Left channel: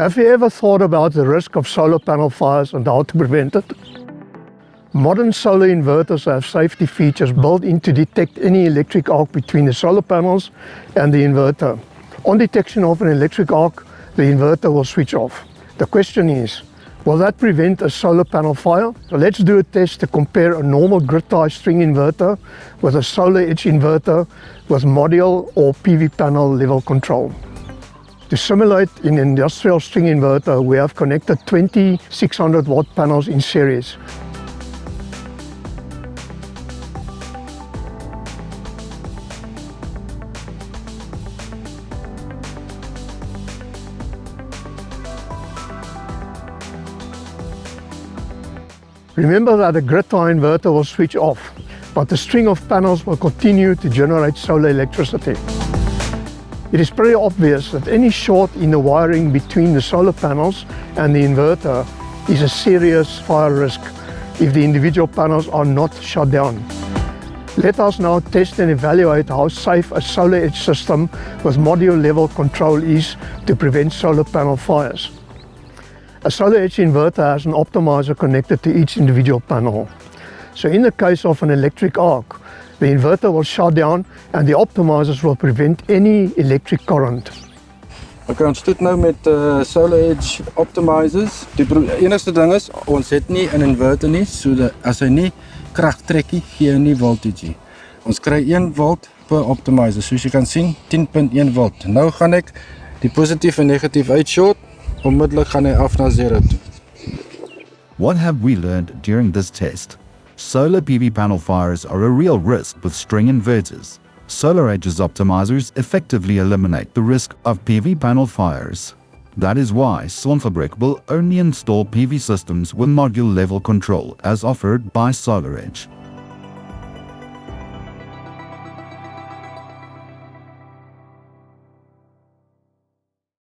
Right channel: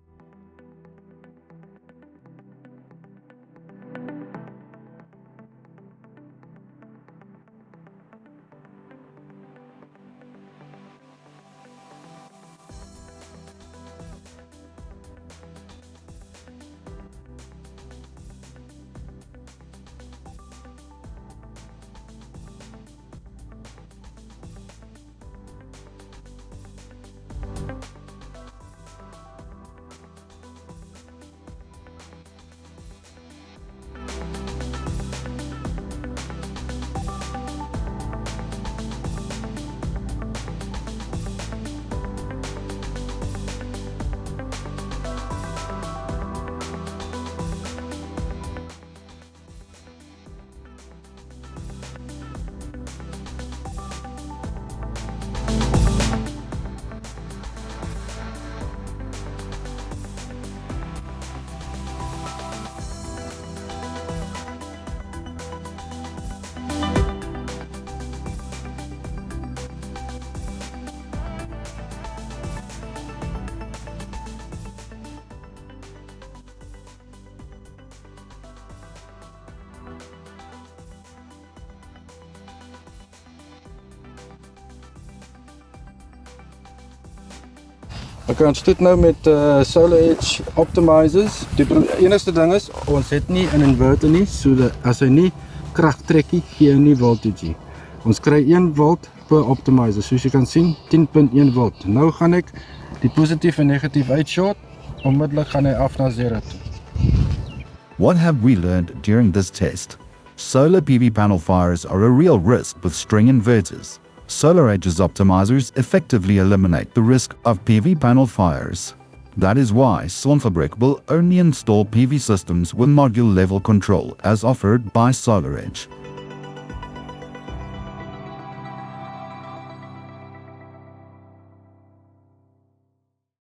Have you ever thought about the risk of solar panel fires and how to prevent it? Modern solar inverters have safety features built in to detect any electric arc between the solar panels and the inverter. On detection of an electric arc, the inverter will switch off. The question is, will that prevent a solar panel fire? So let's do a test to compare a normal grid-tied string inverter with a SolarEdge inverter with module or PV panel level control. To simulate an industrial string inverter, we have connected 20 600 watt panels in series. Remember that the grid-tie inverter will switch off, but the string of panels will continue to generate solar electricity. It is pretty obvious that any short in the wiring between the solar panels and the inverter is a serious fire risk if the individual panels are not shut down. Let us now test and evaluate how safe a SolarEdge system with module level control is to prevent solar panel fires. A SolarEdge inverter has an optimizer connected to each individual panel. So in the case of an electric arc, the inverter will shut down and the optimizers will prevent any electric current. Okay, ons doen nou met SolarEdge optimizers. Die enigste ding is, ons het nie 'n inverter nie, so dat as hy nie krag trek nie, gee hy nie voltage nie. Ons kry 1 volt per optimizer, soos jy kan sien, 10.1 volt. Nou gaan ek die positief en negatief uitshort, onmiddellik gaan hy af na 0 toe. What have we learned during this test? Solar PV panel fires are a real risk with string inverters. SolarEdge's optimizers effectively eliminate the risk of PV panel fires. That is why SonFabrik will only install PV systems with module level control as offered by SolarEdge.